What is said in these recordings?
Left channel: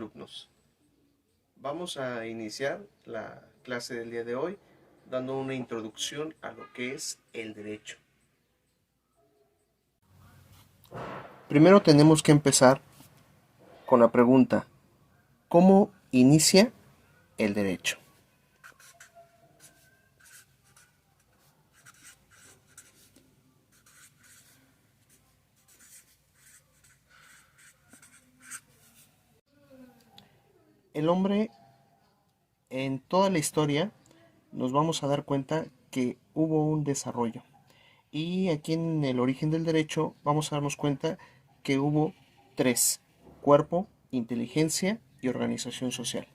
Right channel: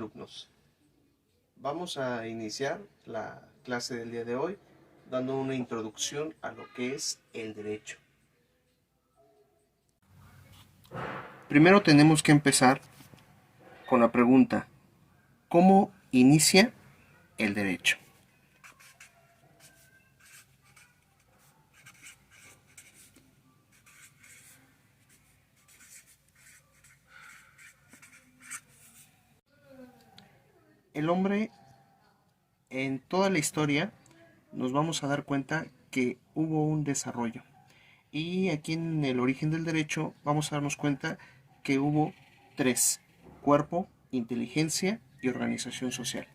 alumnos. Vamos a iniciar la clase del día de hoy dando una introducción a lo que es el derecho. Primero tenemos que empezar con la pregunta: ¿cómo inicia el derecho? El hombre, en toda la historia, nos vamos a dar cuenta que hubo un desarrollo. Y aquí en el origen del derecho vamos a darnos cuenta que hubo tres: cuerpo, inteligencia y organización social.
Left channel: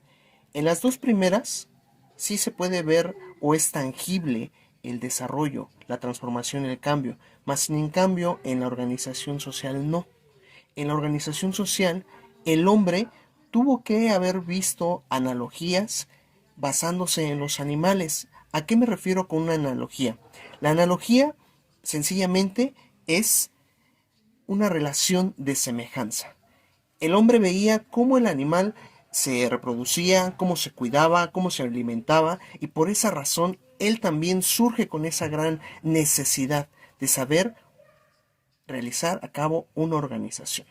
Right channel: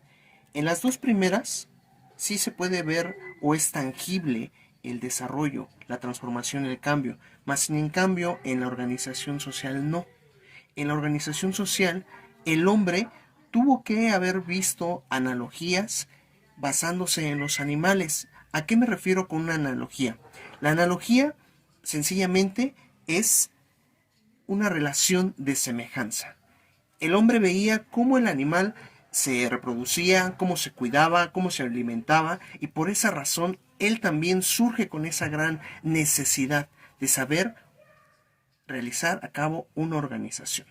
En las dos primeras sí se puede ver o es tangible el desarrollo, la transformación, el cambio, mas sin en cambio en la organización social no. En la organización social el hombre tuvo que haber visto analogías basándose en los animales. ¿A qué me refiero con una analogía? La analogía sencillamente es una relación de semejanza. El hombre veía cómo el animal se reproducía, cómo se cuidaba, cómo se alimentaba, y por esa razón él también surge con esa gran necesidad de saber realizar a cabo una organización.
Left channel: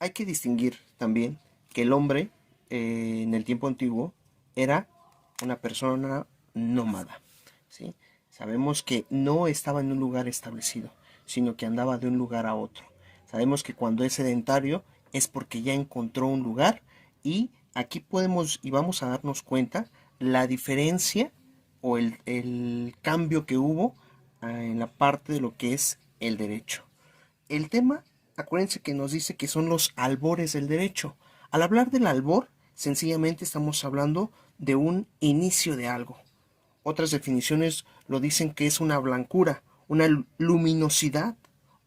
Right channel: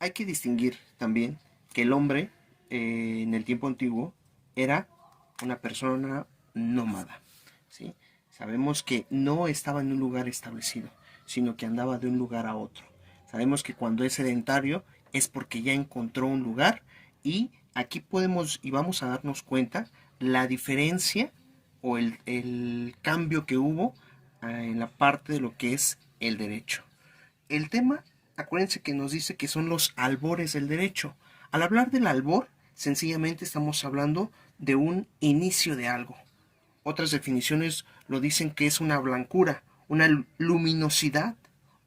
Hay que distinguir también que el hombre en el tiempo antiguo era una persona nómada, ¿sí? Sabemos que no estaba en un lugar establecido, sino que andaba de un lugar a otro. Sabemos que cuando es sedentario es porque ya encontró un lugar, y aquí podemos y vamos a darnos cuenta la diferencia o el cambio que hubo en la parte de lo que es el derecho. El tema, acuérdense que nos dice que son los albores del derecho. Al hablar del albor, sencillamente estamos hablando de un inicio de algo. Otras definiciones lo dicen que es una blancura, una luminosidad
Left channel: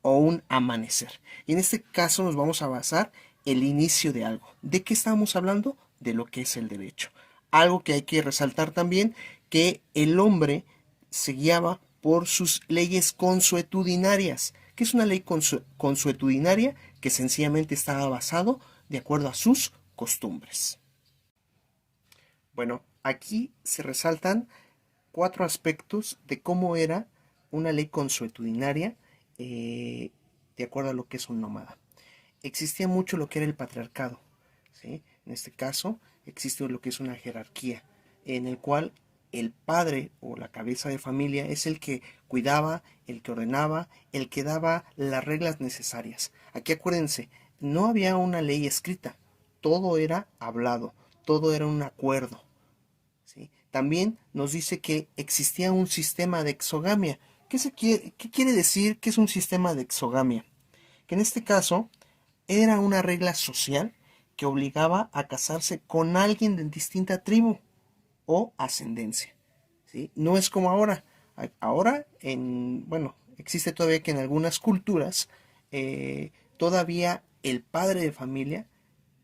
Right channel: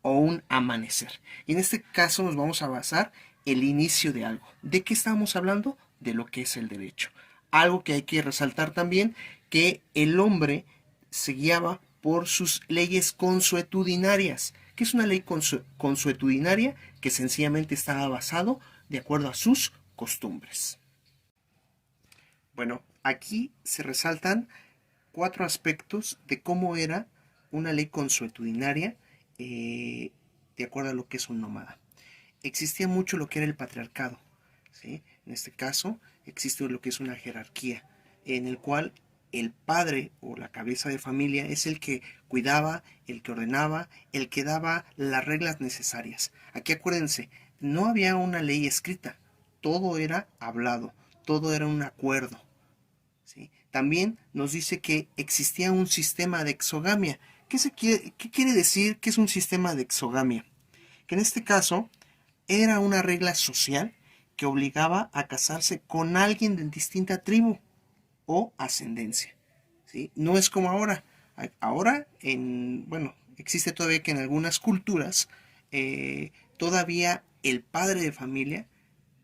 o un amanecer. Y en este caso nos vamos a basar el inicio de algo. ¿De qué estamos hablando? De lo que es el derecho. Algo que hay que resaltar también, que el hombre se guiaba por sus leyes consuetudinarias. ¿Qué es una ley consuetudinaria? Que sencillamente estaba basado de acuerdo a sus costumbres. Bueno, aquí se resaltan cuatro aspectos de cómo era una ley consuetudinaria de acuerdo a lo que es un nómada. Existía mucho lo que era el patriarcado, ¿sí? En este caso existe lo que es una jerarquía, en el cual el padre o la cabeza de familia es el que cuidaba, el que ordenaba, el que daba las reglas necesarias. Aquí acuérdense, no había una ley escrita, todo era hablado, todo era un acuerdo, ¿sí? También nos dice que existía un sistema de exogamia. ¿Qué quiere decir que es un sistema de exogamia? Que en este caso era una regla social que obligaba a casarse con alguien de distinta tribu o ascendencia, ¿sí? No es como ahora. Ahora, bueno, existe todavía que en algunas culturas todavía el padre de familia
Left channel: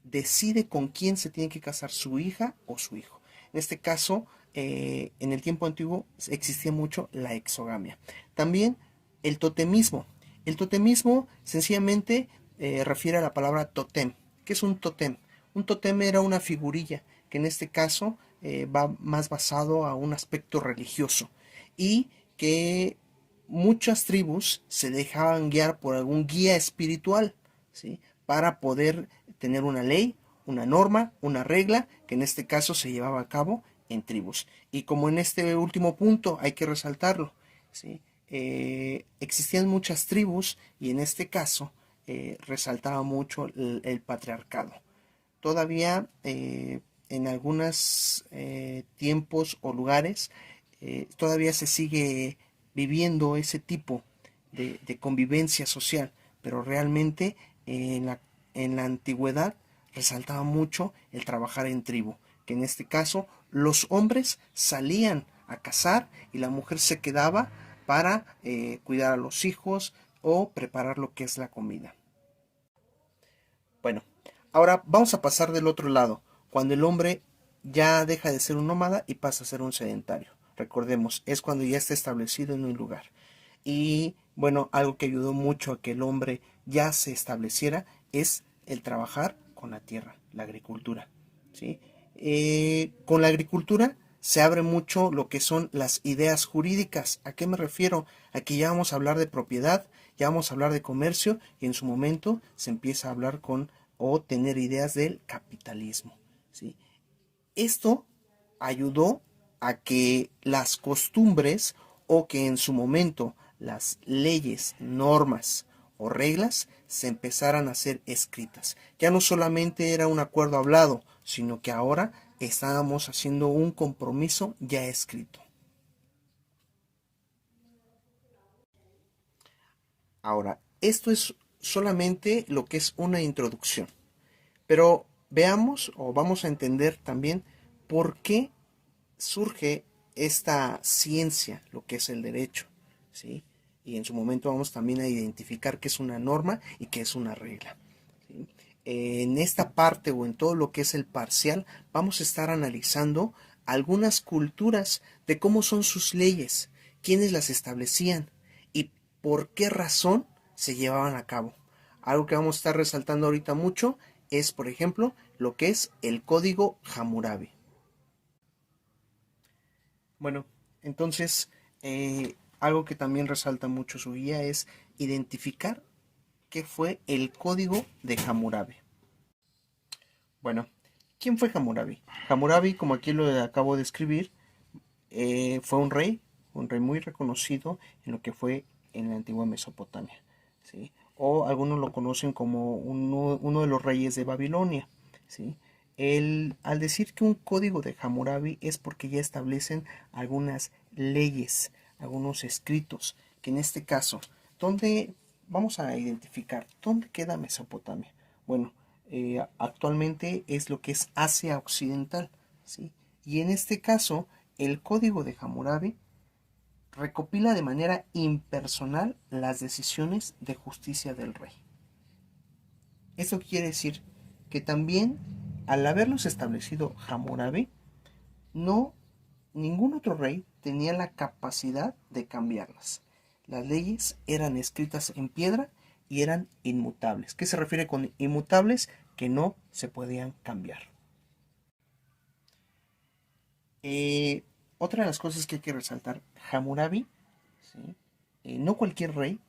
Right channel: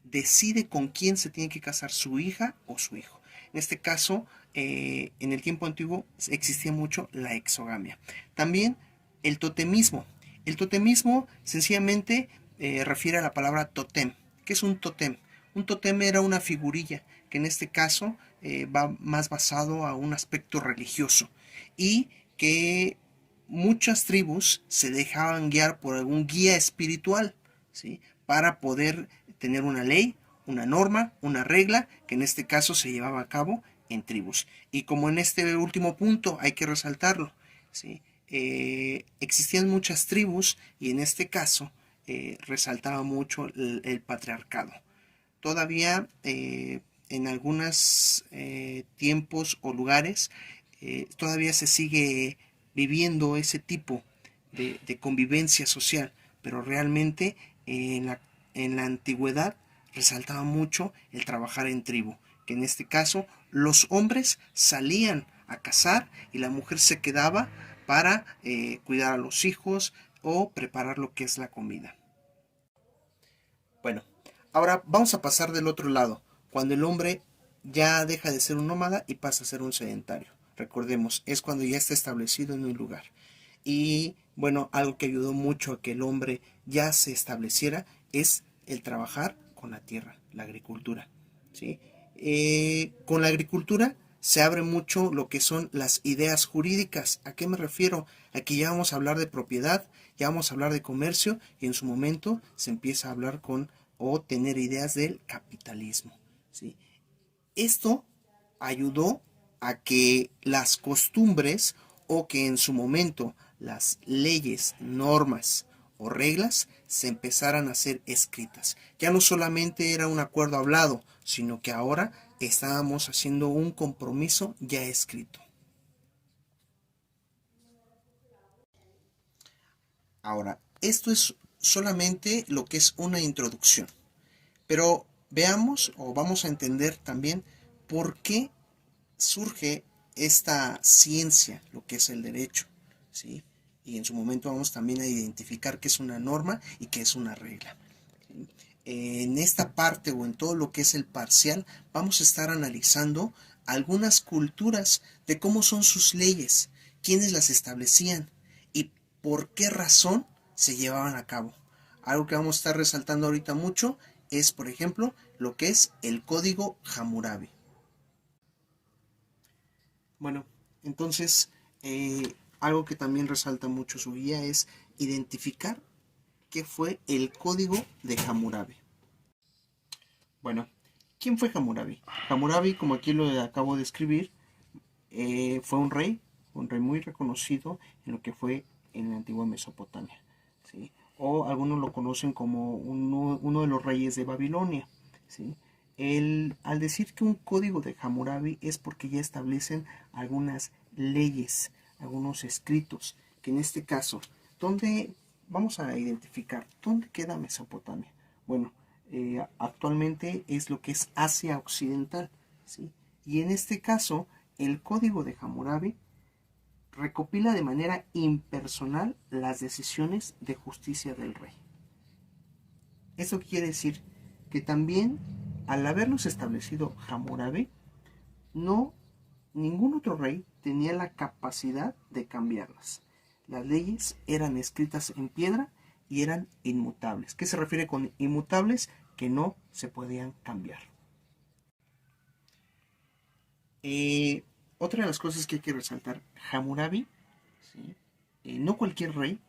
decide con quién se tiene que casar su hija o su hijo. En este caso, en el tiempo antiguo existía mucho la exogamia. También el totemismo. El totemismo sencillamente refiere a la palabra totem. ¿Qué es un totem? Un totem era una figurilla que en este caso va más basado a un aspecto religioso, y que muchas tribus se dejaban guiar por algún guía espiritual, ¿sí? Para poder tener una ley, una norma, una regla, que en este caso se llevaba a cabo en tribus. Y como en este último punto hay que resaltarlo, ¿sí? Existían muchas tribus, y en este caso resaltaba mucho el patriarcado. Todavía en algunos tiempos o lugares todavía se sigue viviendo ese tipo de convivencia social, pero realmente en la antigüedad resaltaba mucho el trabajar en tribu, que en este caso los hombres salían a cazar y la mujer se quedaba para cuidar a los hijos o preparar lo que es la comida. Bueno, ahora vamos a pasar del otro lado, cuando el hombre ya deja de ser un nómada y pasa a ser un sedentario. Recordemos, es cuando ya está establecido en un lugar. Y bueno, algo que ayudó mucho a que el hombre ya se estableciera es el trabajar con la tierra, la agricultura, ¿sí? Con la agricultura se abre mucho lo que son las ideas jurídicas. ¿A qué me refiero? Aquí ya vamos a hablar de propiedad, ya vamos a hablar de comercio y en su momento se empieza a hablar con o tener ideas del capitalismo, ¿sí? Esto ayudó a que las costumbres o que en su momento las leyes, normas o reglas se empezaran a ser escritas. Ya no solamente era un acuerdo hablado, sino que ahora estábamos haciendo un compromiso ya escrito. Ahora, esto es solamente lo que es una introducción, pero veamos o vamos a entender también por qué surge esta ciencia, lo que es el derecho, ¿sí? Y en su momento vamos también a identificar qué es una norma y qué es una regla, ¿sí? En esta parte o en todo lo que es el parcial, vamos a estar analizando algunas culturas de cómo son sus leyes, quiénes las establecían y por qué razón se llevaban a cabo. Algo que vamos a estar resaltando ahorita mucho es, por ejemplo, lo que es el código Hammurabi. Bueno, entonces, algo que también resalta mucho su guía es identificar qué fue el código de Hammurabi. Bueno, ¿quién fue Hammurabi? Hammurabi, como aquí lo acabo de escribir, fue un rey muy reconocido en lo que fue en la antigua Mesopotamia, ¿sí? O algunos lo conocen como uno de los reyes de Babilonia, ¿sí? Al decir que un código de Hammurabi es porque ya establecen algunas leyes, algunos escritos, que en este caso, ¿dónde vamos a identificar? ¿Dónde queda Mesopotamia? Bueno, actualmente es lo que es Asia Occidental, ¿sí? Y en este caso, el código de Hammurabi recopila de manera impersonal las decisiones de justicia del rey. Eso quiere decir que también, al haberlos establecido Hammurabi, no ningún otro rey tenía la capacidad de cambiarlas. Las leyes eran escritas en piedra y eran inmutables. ¿Qué se refiere con inmutables? Que no se podían cambiar. Eh, Otra de las cosas que hay que resaltar, Hammurabi, ¿sí? No cualquier rey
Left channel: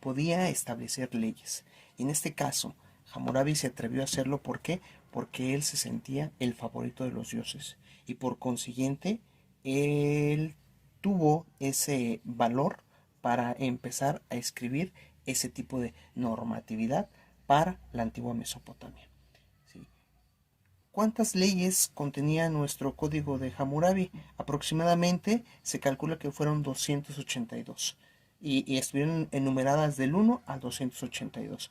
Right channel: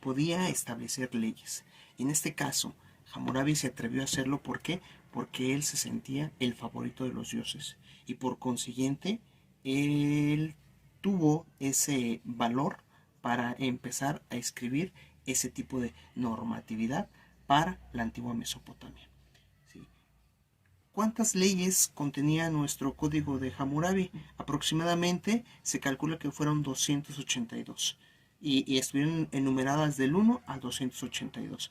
podía establecer leyes. En este caso, Hammurabi se atrevió a hacerlo. ¿Por qué? Porque él se sentía el favorito de los dioses y por consiguiente él tuvo ese valor para empezar a escribir ese tipo de normatividad para la antigua Mesopotamia, ¿sí? ¿Cuántas leyes contenía nuestro código de Hammurabi? Aproximadamente se calcula que fueron 282 y estuvieron enumeradas del 1 al 282.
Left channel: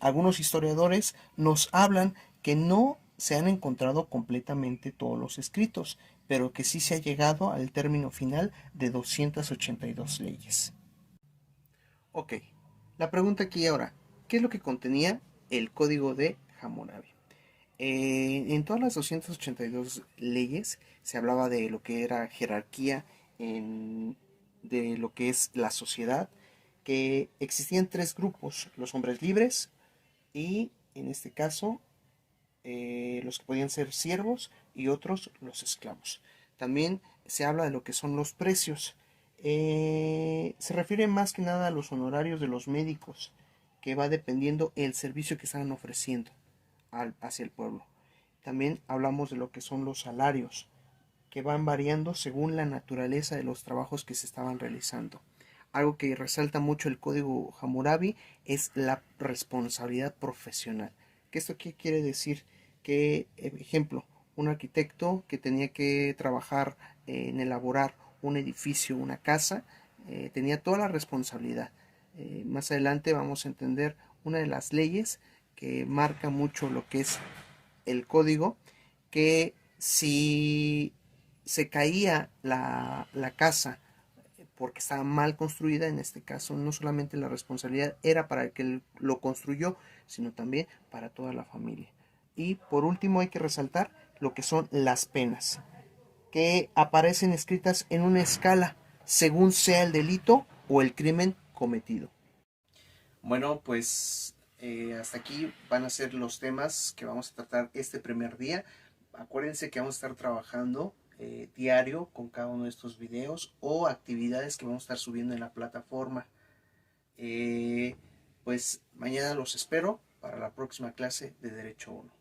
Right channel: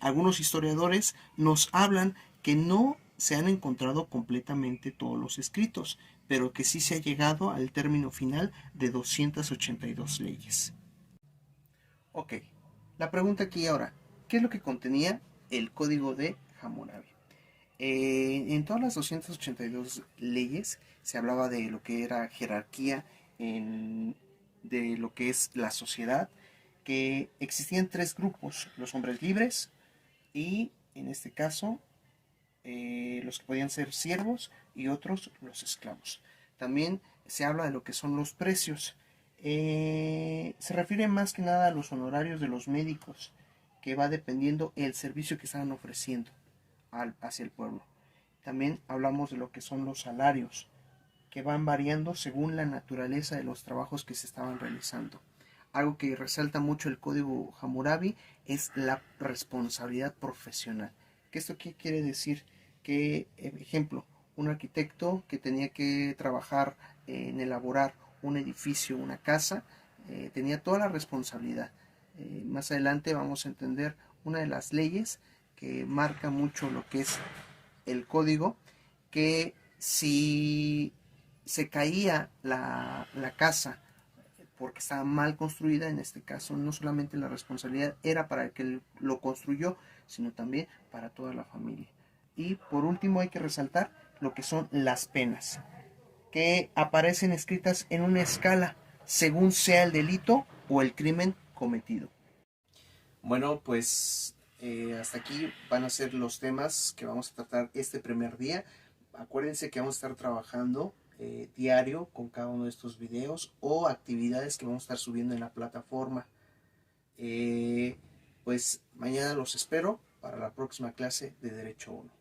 Algunos historiadores nos hablan que no se han encontrado completamente todos los escritos, pero que sí se ha llegado al término final de 282 leyes. Ok, la pregunta aquí ahora, ¿qué es lo que contenía el código de Hammurabi? En todas las 282 leyes se hablaba de lo que era jerarquía, de lo que es la sociedad, que existían tres grupos, los hombres libres y en este caso los que podían ser siervos y otros los esclavos. También se habla de lo que son los precios. Se refiere más que nada a los honorarios de los médicos, que va dependiendo el servicio que están ofreciendo hacia el pueblo. También hablamos de lo que son los salarios, que van variando según la naturaleza de los trabajos que se estaban realizando. Algo que resalta mucho el código Hammurabi es la responsabilidad profesional. ¿Qué esto qué quiere decir? Que, ejemplo, un arquitecto que tenía que trabajar en elaborar un edificio, una casa, tenía toda la responsabilidad. Más adelante vamos a entender una de las leyes que marca mucho lo que es el código, que si se caía la casa porque estaba mal construida, en este caso no solamente la responsabilidad era para el que lo construyó, sino también para toda la familia. Y por último hay que resaltar lo que son las penas, que aparecen escritas en una escala según sea el delito o el crimen cometido. Bueno, pues Hasta aquí van a ser los temas que vamos a tratar este primer día. Acuérdense que vamos a estar trabajando diario con cada uno de estos videos o actividades que vamos a estar subiendo en la plataforma. Pues mañana los espero para la próxima clase de Derecho 1.